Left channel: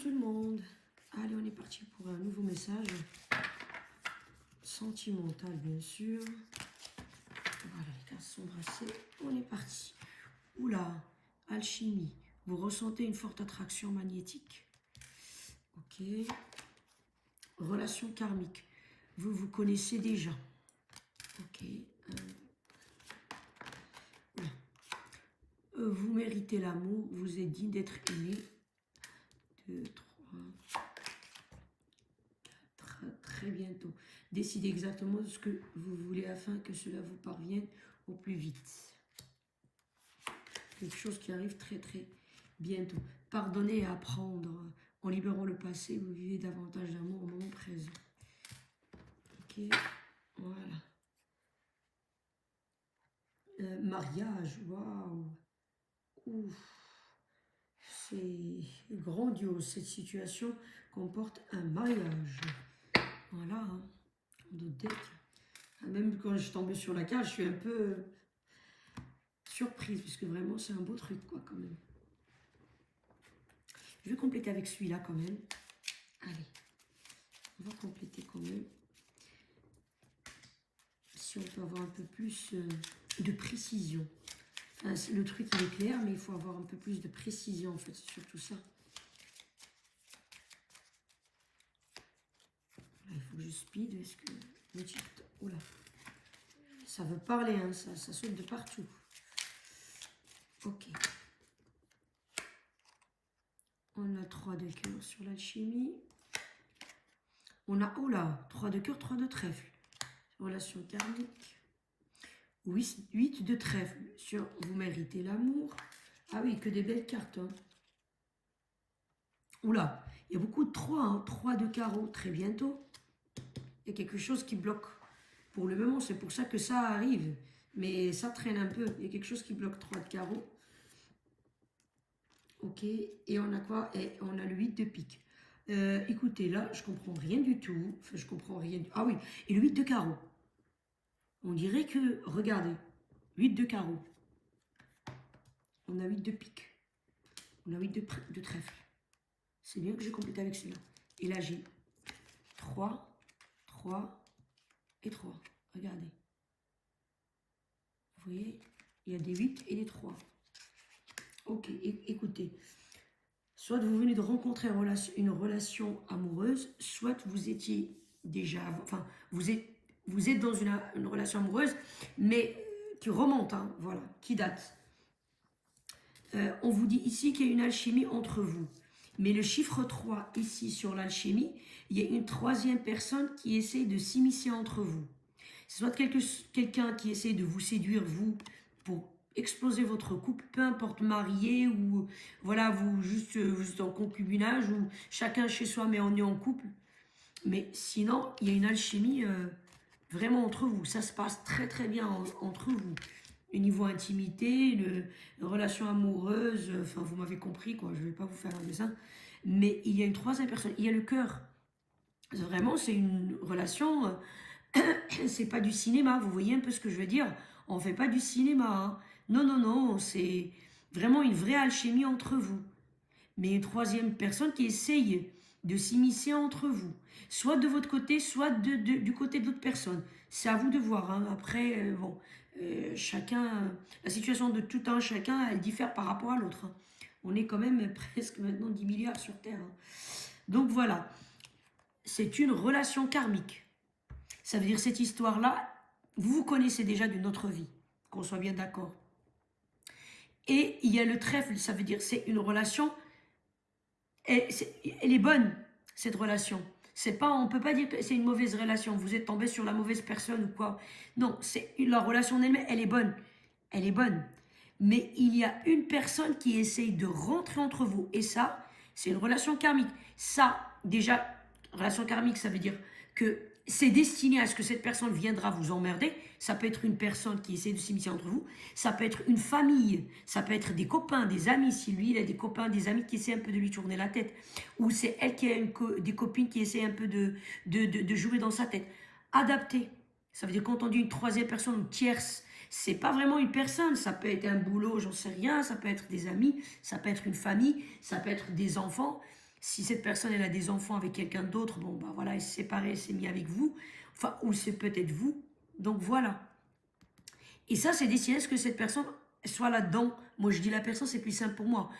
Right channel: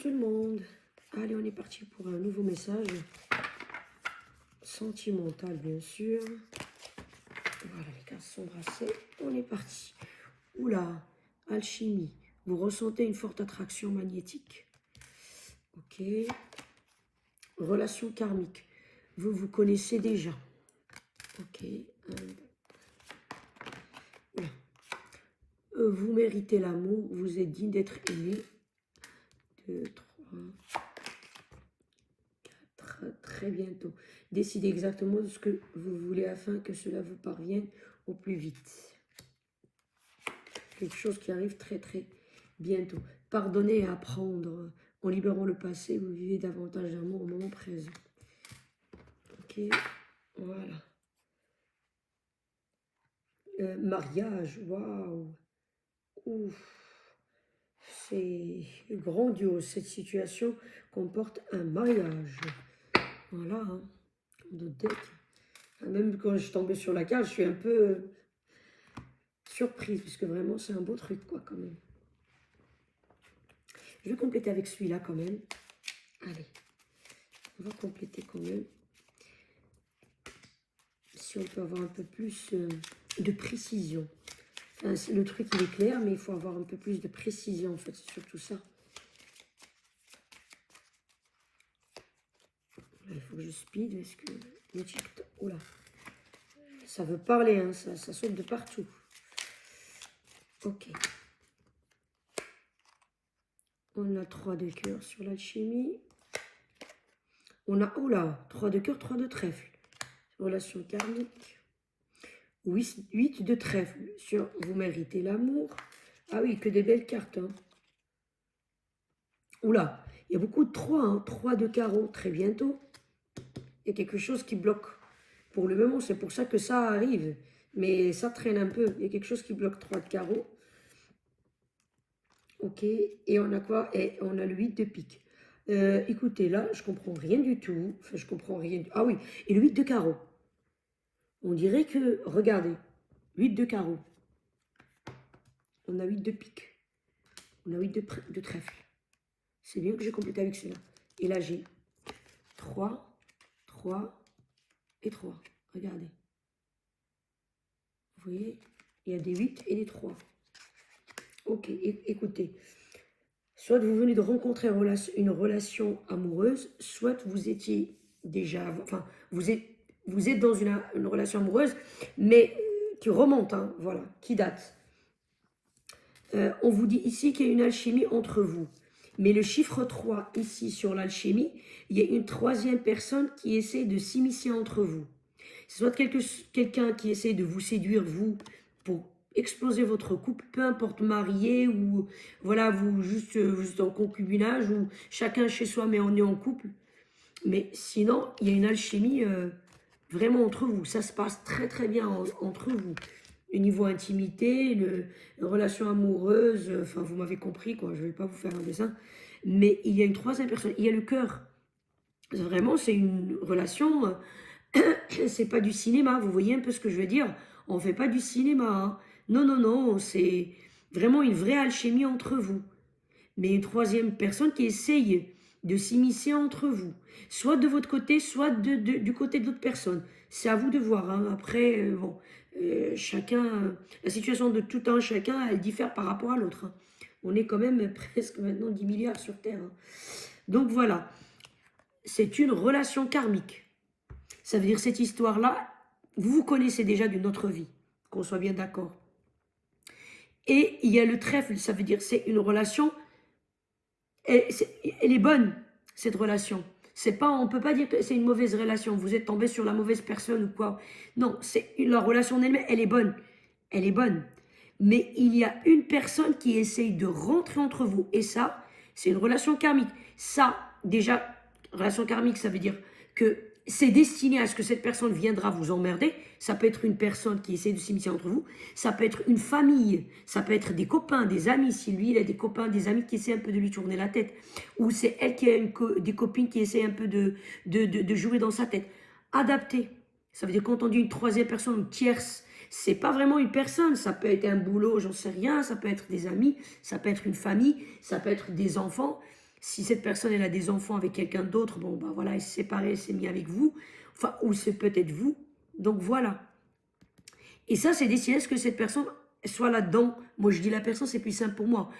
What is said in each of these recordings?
tout le monde. Allez, on est parti pour un nouveau message. Sentimental, bien sûr. Voilà, les cartes sont brassées. On est parti. Oula, alchimie. Vous ressentez une forte attraction magnétique. Ok. Relation karmique. Vous vous connaissez déjà. Ok. Voilà. Vous méritez l'amour. Vous êtes digne d'être aimé. 2, 3, 4. Très bientôt. Décidez exactement ce que vous voulez afin que cela vous parvienne au plus vite. Quelque chose qui arrive très bientôt. Pardonnez et apprendre. En libérant le passé, vous vivez davantage d'amour au moment présent. Ok, voilà. Mariage, waouh. Ouf. C'est grandiose. Cette situation comporte un mariage. Voilà, hein. De tête. Même quand je suis tombée sur la carte, je suis un peu surprise, puisque vraiment c'est un beau truc, quoi, quand même. Je vais compléter avec celui-là, quand même. Allez, on va compléter quand même. Si on peut avoir un peu plus de précision. Enfin, le truc, il est clair, mais il faut avoir un peu plus de précision, en fait, c'est surtout ça. Là, il faut que je speed, est-ce que le TikTok... Oula, ça veut parler, hein, ça saute de partout. Ok. On a 3 de cœur sur l'alchimie. On a, oula, 3 de cœur, 3 de trèfle. Relation karmique. 8 de trèfle sur vous méritez l'amour. Ah oui, que des belles cartes. Hein. Oula, il y a beaucoup de 3, hein, 3 de carreau, très bientôt. Il y a quelque chose qui bloque. Pour le moment, c'est pour ça que ça arrive. Mais ça traîne un peu. Il y a quelque chose qui bloque 3 de carreau. Ok, et on a quoi? Et on a le 8 de pique. Écoutez, là, je comprends rien du tout. Enfin, je comprends rien du... Ah oui, et le 8 de carreau. On dirait que, regardez, 8 de carreau. On a 8 de pique. On a 8 de trèfle. C'est bien que j'ai complété avec cela. Et là, j'ai 3, 3 et 3. Regardez. Vous voyez, il y a des 8 et des 3. Ok, écoutez. Soit vous venez de rencontrer une relation amoureuse, soit vous étiez déjà... Enfin, vous êtes dans une relation amoureuse, mais qui remonte, hein, voilà, qui date. On vous dit ici qu'il y a une alchimie entre vous. Mais le chiffre 3, ici, sur l'alchimie, il y a une troisième personne qui essaie de s'immiscer entre vous. C'est soit quelqu'un qui essaie de vous séduire, vous, pour exploser votre couple, peu importe marié ou, voilà, vous juste en concubinage ou chacun chez soi, mais on est en couple. Mais sinon, il y a une alchimie vraiment entre vous. Ça se passe très bien entre vous. Au niveau intimité, relation amoureuse, enfin vous m'avez compris quoi, je ne vais pas vous faire un dessin. Mais il y a une troisième personne, il y a le cœur. Vraiment, c'est une relation, c'est pas du cinéma, vous voyez un peu ce que je veux dire? On ne fait pas du cinéma. Hein. Non, c'est vraiment une vraie alchimie entre vous. Mais une troisième personne qui essaye de s'immiscer entre vous. Soit de votre côté, soit du côté de l'autre personne. C'est à vous de voir. Hein. Après, bon, chacun, la situation de tout un chacun, elle diffère par rapport à l'autre. Hein. On est quand même presque maintenant 10 milliards sur Terre. Hein. Donc voilà, c'est une relation karmique. Ça veut dire cette histoire-là, vous vous connaissez déjà d'une autre vie, qu'on soit bien d'accord. Et il y a le trèfle, ça veut dire c'est une relation... Elle est bonne, cette relation. C'est pas, on peut pas dire que c'est une mauvaise relation. Vous êtes tombé sur la mauvaise personne ou quoi. Non, c'est la relation en elle-même, elle est bonne. Elle est bonne. Mais il y a une personne qui essaye de rentrer entre vous. Et ça, c'est une relation karmique. Ça, déjà, relation karmique, ça veut dire que c'est destiné à ce que cette personne viendra vous emmerder. Ça peut être une personne qui essaie de s'immiscer entre vous. Ça peut être une famille. Ça peut être des copains, des amis. Si lui, il a des copains, des amis qui essaient un peu de lui tourner la tête. Ou c'est elle qui a des copines qui essaient un peu de jouer dans sa tête. Adapter. Ça veut dire quand on dit une troisième personne, une tierce, c'est pas vraiment une personne. Ça peut être un boulot, j'en sais rien. Ça peut être des amis. Ça peut être une famille. Ça peut être des enfants. Si cette personne, elle a des enfants avec quelqu'un d'autre, bon, bah voilà, elle s'est séparée, elle s'est mise avec vous. Enfin, ou c'est peut-être vous. Donc voilà. Et ça, c'est décider à ce que cette personne soit là-dedans. Moi, je dis la personne, c'est plus simple pour moi.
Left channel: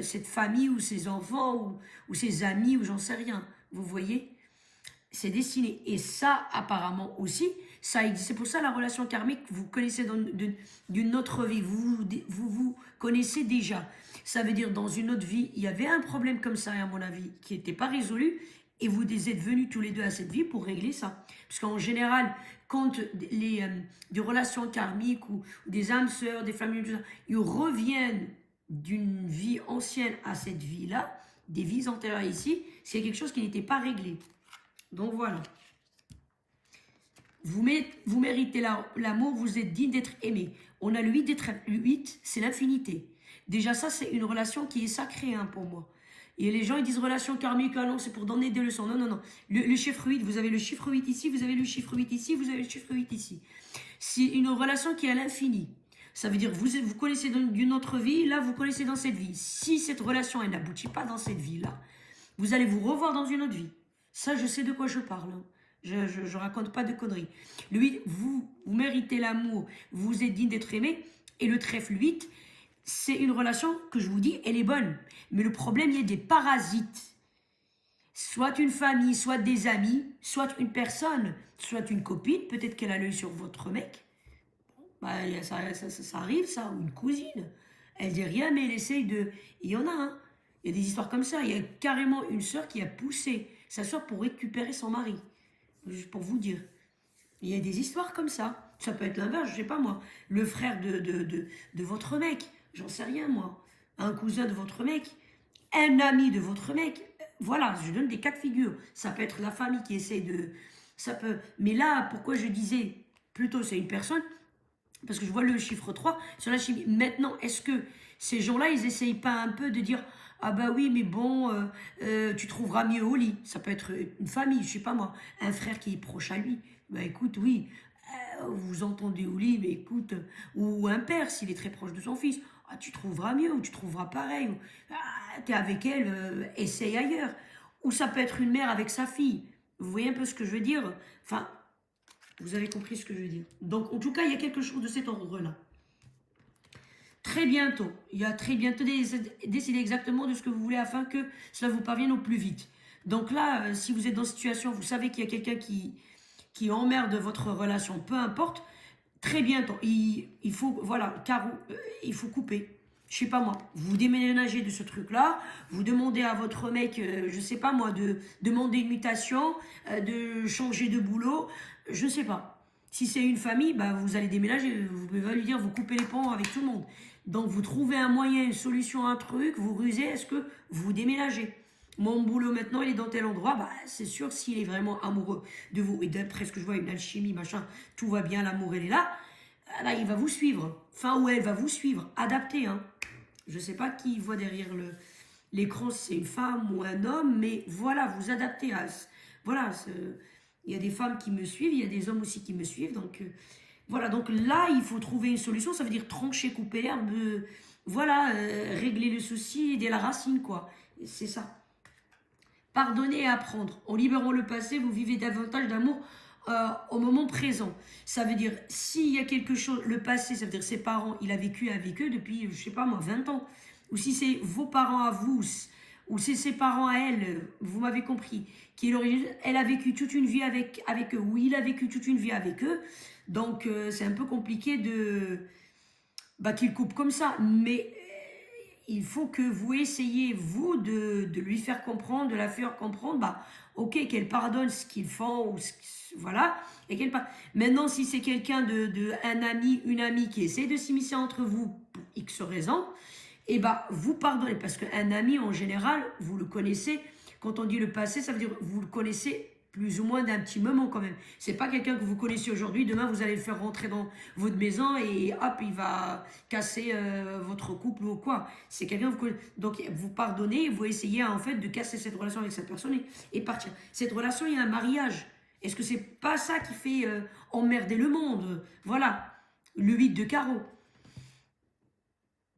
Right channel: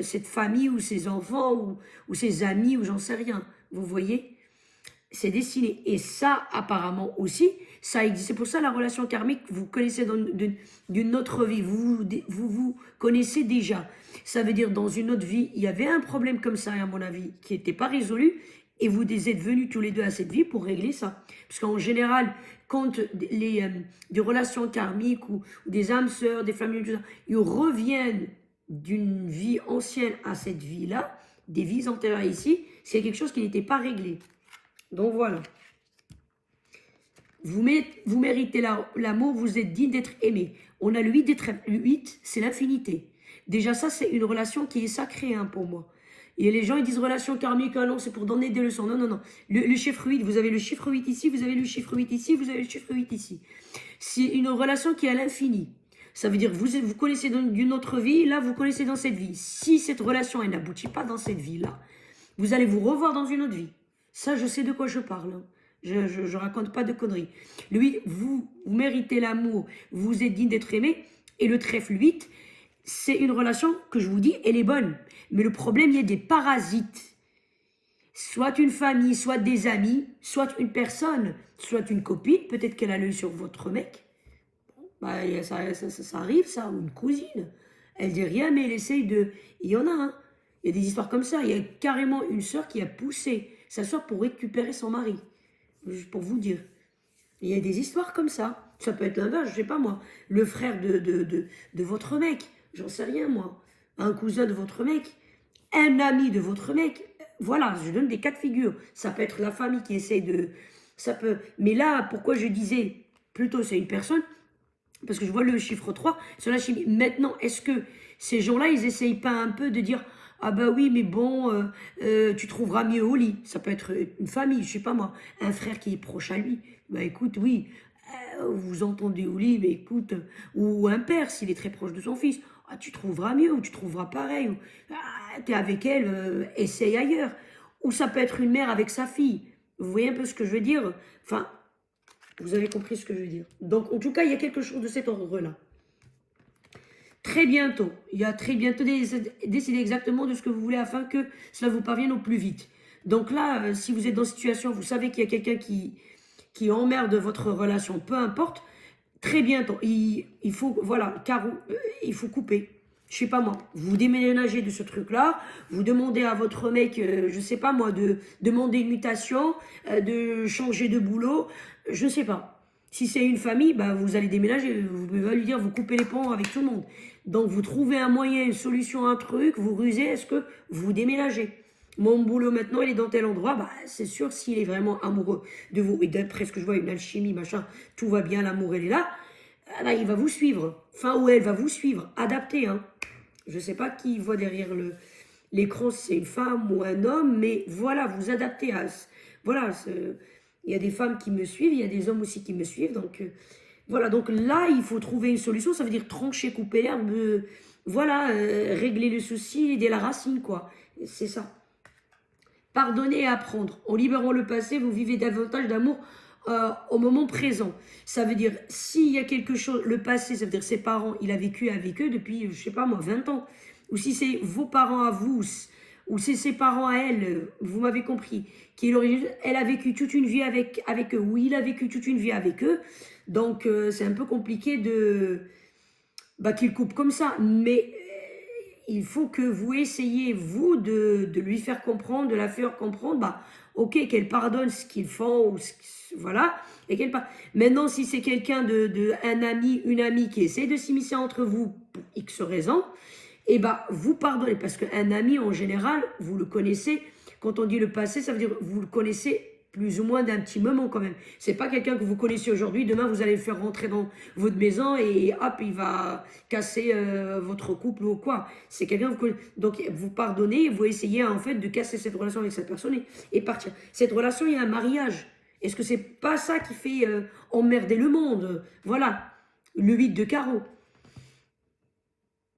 Cette famille ou ses enfants ou ses amis ou j'en sais rien. Vous voyez? C'est destiné. Et ça, apparemment aussi, ça existe. C'est pour ça la relation karmique, vous connaissez d'une autre vie. Vous connaissez déjà. Ça veut dire dans une autre vie, il y avait un problème comme ça, à mon avis, qui n'était pas résolu. Et vous êtes venus tous les deux à cette vie pour régler ça. Parce qu'en général, quand des relations karmiques ou des âmes sœurs, des familles, tout ça, ils reviennent d'une vie ancienne à cette vie-là, des vies antérieures ici, c'est quelque chose qui n'était pas réglé. Donc voilà. Vous méritez l'amour, vous êtes digne d'être aimé. On a le 8 d'être 8, c'est l'infinité. Déjà ça, c'est une relation qui est sacrée hein, pour moi. Et les gens, ils disent relation karmique, ah non, c'est pour donner des leçons. Non, non, non. Le chiffre 8, vous avez le chiffre 8 ici, vous avez le chiffre 8 ici, vous avez le chiffre 8 ici. C'est une relation qui est à l'infini. Ça veut dire que vous connaissez d'une autre vie, là, vous connaissez dans cette vie. Si cette relation, elle n'aboutit pas dans cette vie-là, vous allez vous revoir dans une autre vie. Ça, je sais de quoi je parle. Hein. Je raconte pas de conneries. Le 8, vous méritez l'amour, vous êtes digne d'être aimé. Et le trèfle 8, c'est une relation que je vous dis, elle est bonne. Mais le problème, il y a des parasites. Soit une famille, soit des amis, soit une personne, soit une copine, peut-être qu'elle a l'œil sur votre mec. Bah, ça arrive, ça, ou une cousine. Elle dit rien, mais elle essaye de... Il y en a, hein. Il y a des histoires comme ça. Il y a carrément une sœur qui a poussé sa sœur pour récupérer son mari. Juste pour vous dire. Il y a des histoires comme ça. Ça peut être l'inverse, je sais pas moi. Le frère de votre mec, j'en sais rien moi. Un cousin de votre mec, un ami de votre mec. Voilà, je donne des cas de figure. Ça peut être la famille qui essaie de... Ça peut... Mais là, pourquoi je disais plutôt c'est une personne? Parce que je vois le chiffre 3 sur la chimie. Maintenant, est-ce que ces gens-là, ils essayent pas un peu de dire ah bah oui, mais bon, tu trouveras mieux au lit. Ça peut être une famille, je sais pas moi, un frère qui est proche à lui. Bah écoute, oui, vous entendez au lit, mais écoute, ou un père s'il est très proche de son fils. Ah, tu trouveras mieux, ou tu trouveras pareil. Ou, ah, t'es avec elle, essaye ailleurs. Ou ça peut être une mère avec sa fille. Vous voyez un peu ce que je veux dire? Enfin, vous avez compris ce que je veux dire. Donc, en tout cas, il y a quelque chose de cet ordre-là. Très bientôt, il y a très bientôt décidez exactement de ce que vous voulez afin que cela vous parvienne au plus vite. Donc là, si vous êtes dans cette situation, vous savez qu'il y a quelqu'un qui emmerde votre relation, peu importe, très bientôt, il faut, voilà, il faut couper. Je sais pas moi, vous déménagez de ce truc-là, vous demandez à votre mec, je sais pas moi, de demander une mutation, de changer de boulot, je sais pas. Si c'est une famille, bah vous allez déménager, vous pouvez lui dire, vous coupez les ponts avec tout le monde. Donc vous trouvez un moyen, une solution, un truc, vous rusez, est-ce que vous déménagez? Mon boulot maintenant, il est dans tel endroit, bah c'est sûr, s'il est vraiment amoureux de vous, et d'après ce que je vois, une alchimie, machin, tout va bien, l'amour, il est là, là, il va vous suivre. Enfin, ou elle va vous suivre, adapté, hein. Je ne sais pas qui voit derrière l'écran, si c'est une femme ou un homme, mais voilà, vous adaptez à... Voilà, il y a des femmes qui me suivent, il y a des hommes aussi qui me suivent, donc... voilà, donc là, il faut trouver une solution, ça veut dire trancher, couper l'herbe, voilà, régler le souci dès la racine, quoi. C'est ça. Pardonner et apprendre. En libérant le passé, vous vivez davantage d'amour au moment présent. Ça veut dire, s'il y a quelque chose, le passé, ça veut dire ses parents, il a vécu avec eux depuis, je sais pas moi, 20 ans. Ou si c'est vos parents à vous, ou c'est ses parents à elle, vous m'avez compris, elle a vécu toute une vie avec eux, ou il a vécu toute une vie avec eux. Donc, c'est un peu compliqué bah, qu'il coupe comme ça. Mais il faut que vous essayiez, vous, de lui faire comprendre, de la faire comprendre, bah, ok, qu'elle pardonne ce qu'ils font, ou voilà, et qu'elle pardonne. Maintenant, si c'est quelqu'un un ami, une amie qui essaie de s'immiscer entre vous pour X raisons, et bah, vous pardonnez, parce qu'un ami, en général, vous le connaissez, quand on dit le passé, ça veut dire vous le connaissez plus ou moins d'un petit moment quand même. C'est pas quelqu'un que vous connaissez aujourd'hui, demain vous allez le faire rentrer dans votre maison et hop, il va casser votre couple ou quoi. C'est quelqu'un que vous connaissez. Donc vous pardonnez, vous essayez en fait de casser cette relation avec cette personne et partir. Cette relation, il y a un mariage. Est-ce que c'est pas ça qui fait emmerder le monde? Voilà, le 8 de carreau.